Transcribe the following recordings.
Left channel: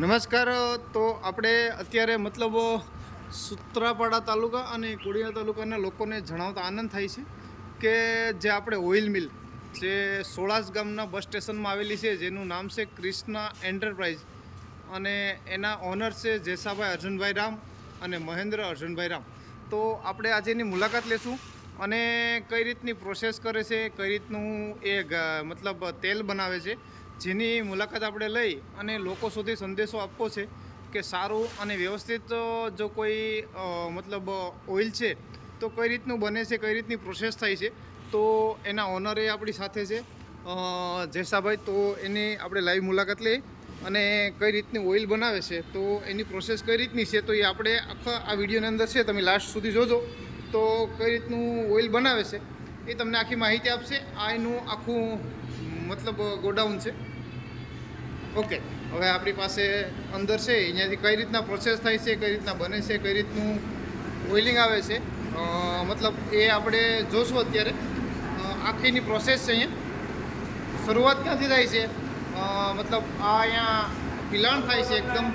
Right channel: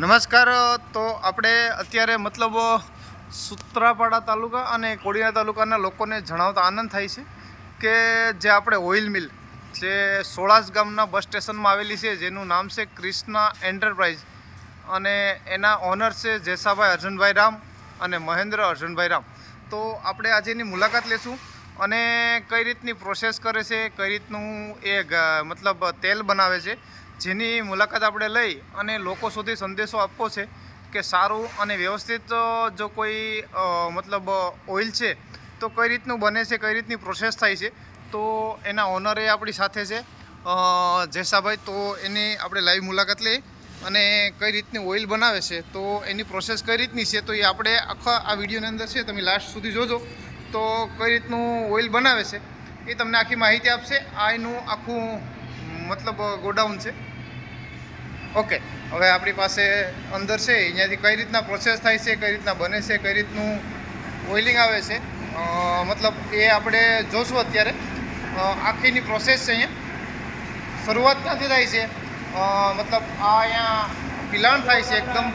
નમસ્કાર, તો આપણે અત્યારે મતલબ સુત્રાપાડા તાલુકા અને કોડીના તાલુકાના લોકોને જણાવતા આનંદ થાય છે કે જે આપણે ઓઇલ મિલ જે સોળાસ ગામના બસ સ્ટેશનમાં આવેલી છે, જેનું નામ છે ક્રિષ્ના એન્ટરપ્રાઇઝ. અને એના ઓનર છે જેસાભાઈ અર્જુનભાઈ રામ અને મહેન્દ્ર અર્જુનભાઈ રામ. તો આપણે આજે એની મુલાકાત લેશું. અને કઈ રીતની પ્રોસેસ કરે છે, કઈ રીતનું એ મતલબ તેલ બનાવે છે, જેની મુલાકાત આપણે લઈ અને લોકો સુધી સંદેશો આપવો છે કે સારું અને વ્યવસ્થિત જો કોઈ મતલબ ઓઇલ છે, તો કઈ રીતનું બને છે, કઈ રીતની પ્રોસેસ થાય છે, તો એના ઓનરે આપણી સાથે છે. જેસાભાઈ, તો એની આપણે લાઈવ મુલાકાત લઈ અને કઈ રીતની ઓઇલ બનાવે છે, તો એની પ્રોસેસ કઈ રીતની છે, તો એ આપણે આખા આ વિડીયોની અંદર છે, તમે લાસ્ટ સુધી જોજો. તો કઈ રીતનું ઓઇલ બનાવે છે એ તમને આખી માહિતી આપશે. આ એનું આખું, મતલબ, ગોડાઉન છે. ઓકે, હવે આપણી પાસે અંદર છે અહીંયાથી કઈ રીતના પ્રોસેસ થાય છે, કઈ રીતના બને છે, કઈ રીતનું ઓઇલિંગ આવે છે મતલબ એ આપણે જોશું અત્યારે. આખીની પ્રોસેસ છે અહીંયા. શરૂઆત ક્યાંથી થાય છે? મતલબ આ અહીંયા પિલાણ થાય છે, એકદમ.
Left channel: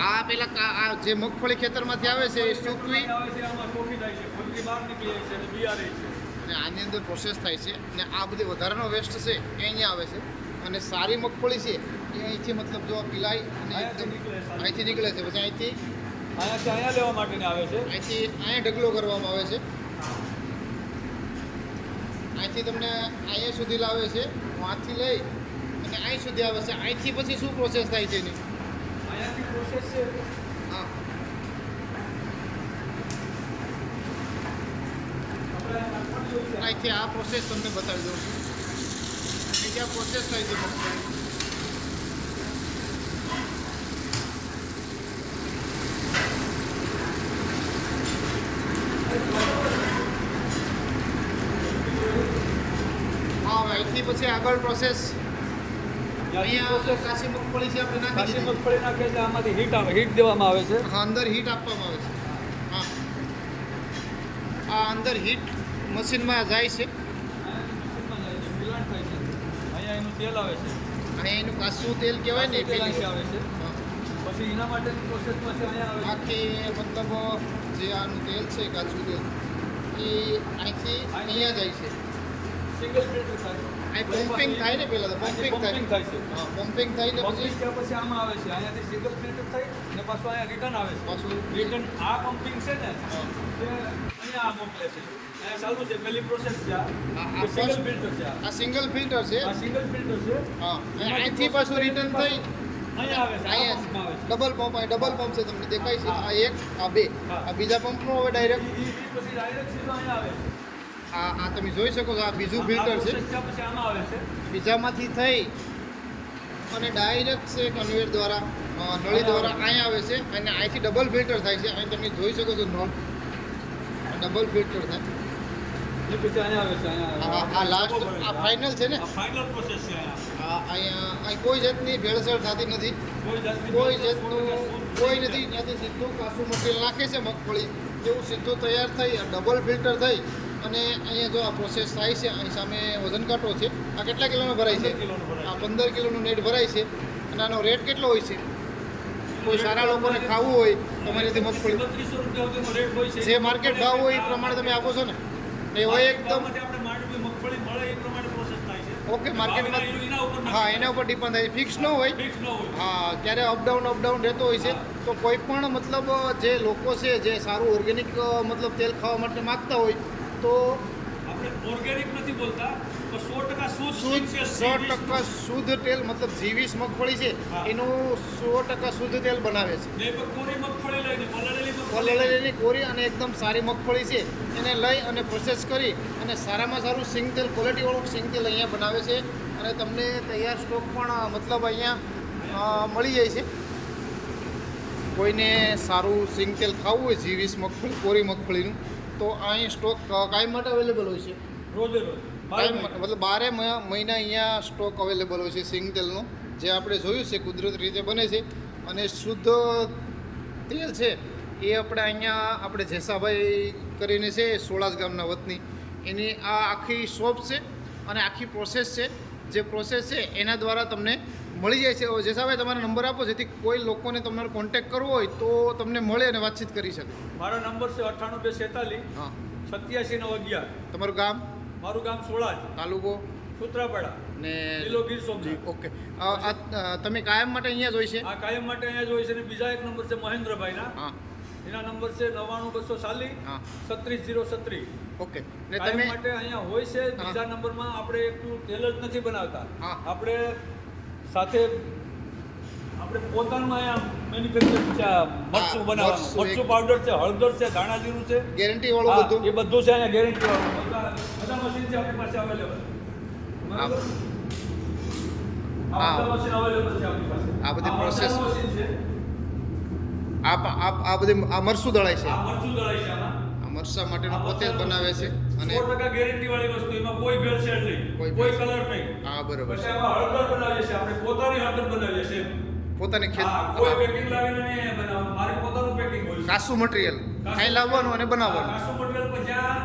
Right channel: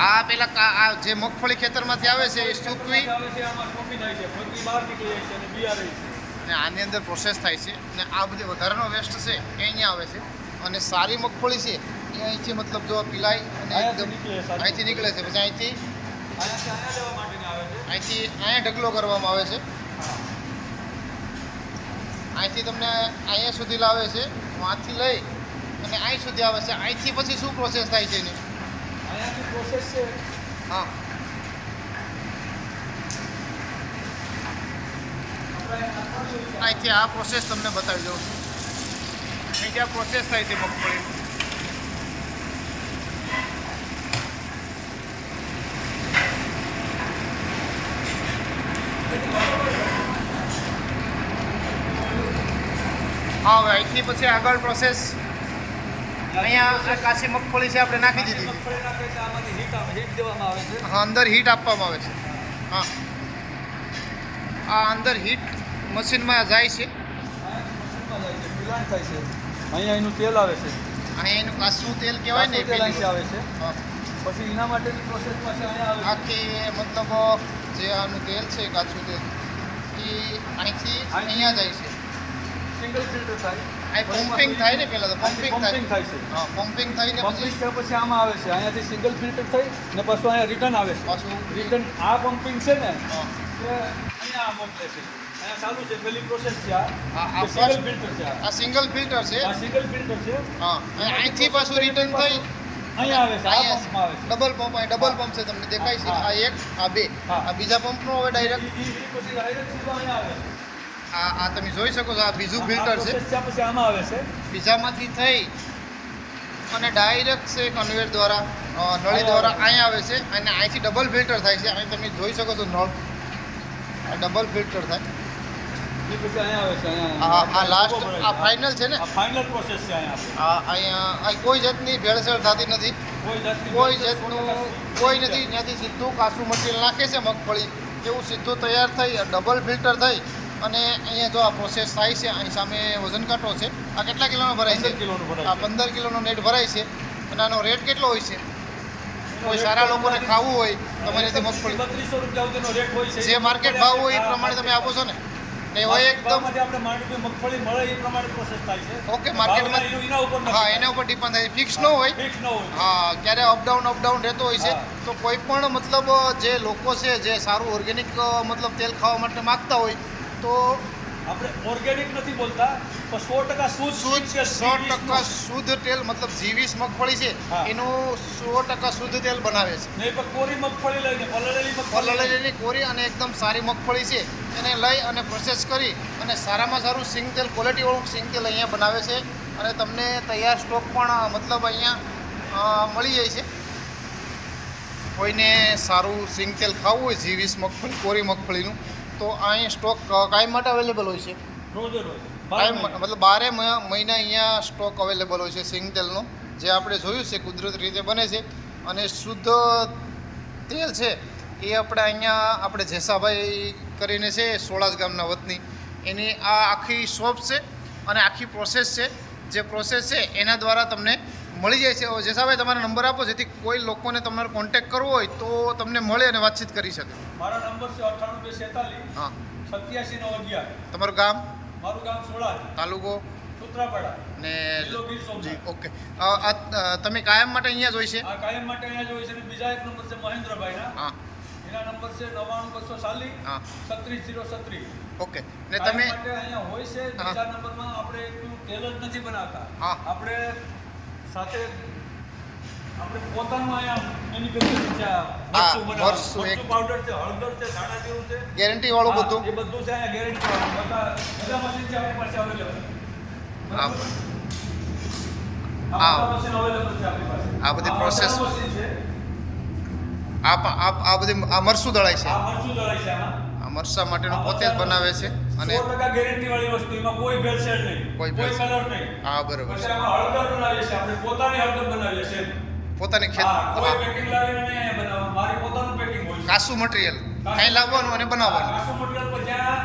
આ પેલા આ જે મગફળી ખેતરમાંથી આવે છે એ સૂકવી. અને આની અંદર પ્રોસેસ થાય છે. અને આ બધી વધારાનો વેસ્ટ છે એ અહીંયા આવે છે. અને સારી મગફળી છે એ અહીંથી મતલબ જો પીલાય અને એકદમ અહીંથી નીકળે છે. પછી અહીંથી અહીંથી અહીંયા ઢગલો કરવામાં આવે છે. અહીંથી તમને અહીંયા સુધી લાવે છે. વાંથી લઈ અને અહીં સુધી આવે છે. અહીંથી પછી શું પ્રોસેસ થાય છે એની? હા. અહીંથી આ પ્રોસેસ તમને બતાવી દઉં છું. અહીંથી આ પ્રોસેસ થાય છે મગફળી? હા અહીંથી પછી આગળ પ્રોસેસ અહીંયા આ કાચી મગફળી છે આપણે નાખી દીધી. હીટ દેવામાં આવે છે. હા અંદર હીટ આપવામાં આવે છે. હા. આ અંદર હીટ મશીનમાં જાય છે. અહીંયા એનું તેલ આવે છે. અહીંયા એનું કાચું તેલ કહેવાય ને પેલી આવે છે. હા. પછી એના માટેની પ્રોસેસમાંથી આખી મતલબ જે આનું તેલ છે કાચું તેલ એ અહીંથી અહીંયા જાય છે. સિંગલ ફિલ્ટર થાય. અહીં પમ્પિંગ થાય ને પહેલાં તો પમ્પિંગ થાય. થાય છે. હા પમ્પિંગ થાય ને પછી? પછી આમાં આવે છે. અહીંયાથી સિંગલ ફિલ્ટર થાય ને પાછું અહીંયા રિટર્ન આવે છે. પાછું રિટર્ન આ પમ્પિંગ છે ને અહીંયા આ મોકલે છે. અહીંયા ચાલુ છે પેલી પ્રોસેસ છે આ. આ- આ સિંગલ ફિલ્ટર છે આ. આ સિંગલ ફિલ્ટર છે? આ સિંગલ ફિલ્ટર છે. હા અને અહીંથી પાછું રિટર્ન થઈ? ડબલ પંપ અહીં ડબલ પંપ છે. તમને દેખાય છે? આ એક આ બે. આ બીજા પંપનો હવે ડાયરેક્ટ આ આ તમે જોઈ શકો છો આ બીજું ફિલ્ટર છે. પછી આમાં આવે છે. બીજામાંથી થઈ અને ડાયરેક્ટ છે કન્વેર દ્વારા નળી દ્વારા અહીંયા આવે છે અને અહીંથી ડબલ ફિલ્ટર થાય છે. અહીં તમે જોઈ શકો છો નળ. ડબલ ફિલ્ટર થાય. આ લાસ્ટ આ ફાઇનલ છે ને? ફાઇનલ પ્રોસેસ છે અહીંયા અહીં કોઈ જાતની ભેળસેળ થતી નથી. કોઈ જાતનું કોઈ નથી. ત્યાંથી સીધું કાસું મટીરિયલ નાખે છે મગફળી. એવું સીધું તૈયાર થઈ ડબલ ફિલ્ટર થઈ. અને અહીંયા જો આ પ્રોસેસ થાય છે અહીં સામે વજન કાંટો છે. આ કેટલા કિલોનો ભરાય છે? 15 કિલોનો ભરાય. આ પંદર કિલોનો નેટ ભરાય છે. અને આનો રેટ કેટલો હોય છે? કોઈ સારા લોકોને ખાવું હોય તમારી રીતે મગફળી જે માર્કેટ ભાવ હોય એ પ્રમાણે તમે આપો છો ને? એ હોય એકદમ ઓકે, માર્કેટમાં- હા એના ઉપર ડિપેન્ડ થાય ફિક્સ ન હોય. ફિક્સ ન હોય. હા ક્યારે અપડાઉન અપડાઉન રહેતો હોય છે. તો કોઈ પણ મતલબ જે લોકો છે જે સારું ઓર્ગેનિક મતલબ તેલ ખાવા માટે માગતા હોય તો આપણે ઓર્ગેનિક નથી બોલતા પણ સો ટકા શુદ્ધ શુદ્ધ સો ટકા શુદ્ધ તેલ મતલબ જીવીસ મગફળી છે એનું સો ટકા શુદ્ધ તેલ બનાવે છે. કોરી મગફળી લઈને પલળેલી કોરી અને એકદમ સારી મગફળી છે એને લઈ અને પ્રોસેસ કરી અને સારામાં સારું સિંગ તેલ ક્વોલિટીવાળું સિંગ તેલ અહીંયા બનાવે છે અને તમને તૈયાર સ્ટોક પણ મતલબ અહીંયા મળી જાય છે. કોઈને સારું સિંગ તેલ ખાવું હોય જીવીસ મગફળી કોરી મગફળીનું તો અહીં સ્ટોક કાયમ માટે અવેલેબલ હોય છે? કાયમ મતલબ બારે મહિના અહીંયા સ્ટોક અવેલેબલ હોય છે સિંગ તેલનો જે આપણે જોયું છે કુદરતી રીતે બને છે. અને શુદ્ધ તેલ છે એ આપણે અહીંયા આપણે જેસાભાઈ કરીને છે સોળાસ ગામના વતની. એની આ આખી શોપ છે અને આખી પ્રોસેસ છે. જે પ્રોસેસ છે એના દ્વારા તમને મળી જાય છે. જેસાભાઈ તમારો નંબર આપો જેથી કોઈ લોકોને તમારો કોન્ટેક્ટ કરવો હોય તો તમને મળે અને વાતચીત કરી શકે. મારો નંબર છે અઠ્ઠાણું બે છેતાલીસ હા. સત્યાસી નવ અગિયાર. તમારું ગામ? મારું ગામ સોળા તાલુકો? સૂત્રાપાડા. ને જિલ્લો ગીર સોમનાથ. ઓકે. આ, તમે કાયમ માટે અહીંયા જ હોય છે? કાયમ માટે અહીંયા જોઈ છે અને બીજા એક નંબર છે મહેન્દ્રભાઈના. હા. એના નંબર છે નવ્વાણું બસો ચાલીસ હા. છત્રીસ ઝીરો છત્રીસ. ઓકે. ને તમે? માટે અહીંયા હોય છે. બીજા નંબરમાં આપણે એકલું તેલ જ નથી બનાવતા. હા. આપણે સાથે આપણે પોતાનું અહીંયા મેન્યુફેક્ચરિંગ મરચું પાવડર છે હળદર છે ધાણા જીરું છે. ગેરંટી વાળું બધું. એ બધું છે અહીંયા ગેરંટી વાળું. બધા બધા મશીન છે આપણી પાસે અવેલેબલ. આ. બધા પાસે. આ બધી આ બધી આ મરસું દળાય છે. આ મરસા માટેનું પોતે જ બનાવે છે. અને સો ટકા ગેરંટી વાળી વસ્તુ એમાં કોઈ ભેળસેળ નહીં. કોઈ કલર નહીં. હા બરોબર. પછી છે આમાં હળદર બનાવીએ છીએ. આપણે પોતાની હળદર બનાવીએ છીએ પોતાની ખેત હા કોઈ. પેકિંગ લાવીને બનાવવાનું. મારી પોતાનું પેકિંગ હોય કાસુ મટીરીયલ કાંઈ લાવવાનું અને બનાવવાનું. કાસુ મટીરીયલ પર જ્યાં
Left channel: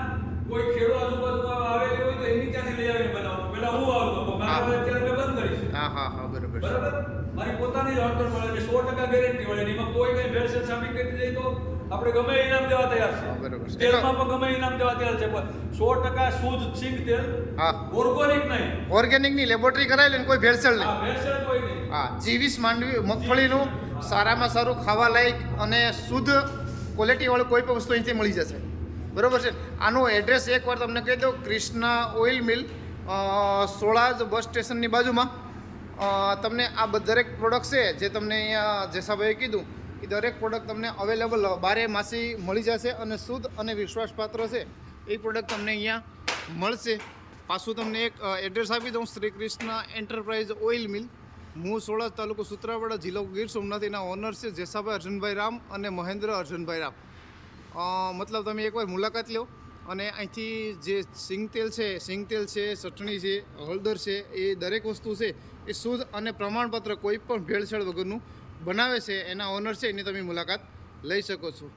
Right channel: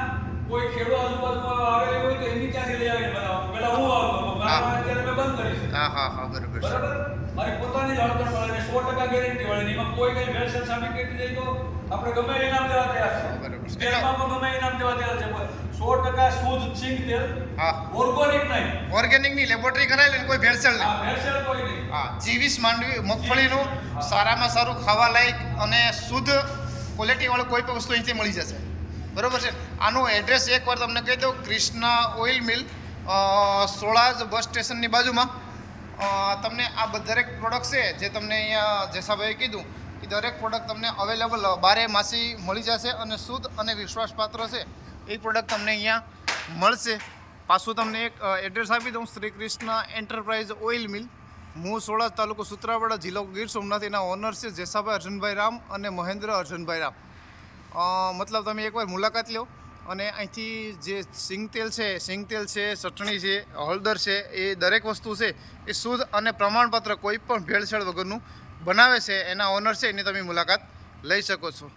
કોઈ ખેડૂત આજુબાજુમાં આવેલી હોય તો એની ત્યાંથી લઈ આવીને બનાવવાનું. પેલા હું આવતો અત્યારે મેં બંધ કરી હા હા હા બરોબર બરાબર? મારી પોતાની જ હળદર મળે સો ટકા ગેરંટી વાળી એમાં કોઈ કઈ ભેળસેળ સામે કેટલી જાય તો આપણે ગમે ઇનામ દેવા તૈયાર છે બરાબર છે. તેલમાં પણ ગમે ઇનામ દેવા તૈયાર છે પણ સો ટકા શુદ્ધ સિંગ તેલ હા. ઓર્ગેનિક નહીં. ઓર્ગેનિકની લેબોરેટરી કરાયેલી ને કોઈ ભેળસેળ નહીં. ભેળસેળ કોઈ નહીં. હા જીવીસ માંડવી મગફળીનું સારામાં સારું ખાવા લાયક અને શુદ્ધ ક્વોલિટીવાળું કોઈ પણ વસ્તુ અહીંથી મળી જશે. બરોબર છે? આનું એડ્રેસ એકવાર તમને કહી દઉં ક્રિષ્ના ઓઇલ મિલ સોળાજ બસ સ્ટેશનની બાજુમાં. તમને આ દરેક પ્રોડક્ટ છે જે તમને અહીંયા જેસાભાઈએ કીધું દરેક પ્રોડક્ટ તમને અવેલેબલ બારે માસી મળી જશે અને શુદ્ધ અને વિશ્વાસપાત્ર છે. એ પ્રોડક્ટ તમને અહીંયા મળશે. પાછું તમને એક એડ્રેસ આપી દઉં. Shri Krishna enterprise oil mill હું સોળા તાલુકો સુત્રાવાડા, જિલ્લો ગીર સોમનાથ એના ઓનર છે જેસાભાઈ અર્જુનભાઈ રામ અને મહેન્દ્ર અર્જુનભાઈ રામ. મતલબ તમે એકવાર મુલાકાત લો અને અહીંથી જે સિંગતેલ છે સિંગતેલ છે, ચટણી છે, હળદર છે, એ દરેક વસ્તુ છે, એ શુદ્ધ અને પ્રમાણપત્ર કોઈ પણ ભેળસેળ વગરનું બનાવે છે એના ઓનર છે એની તમે મુલાકાત લઈ શકો છો.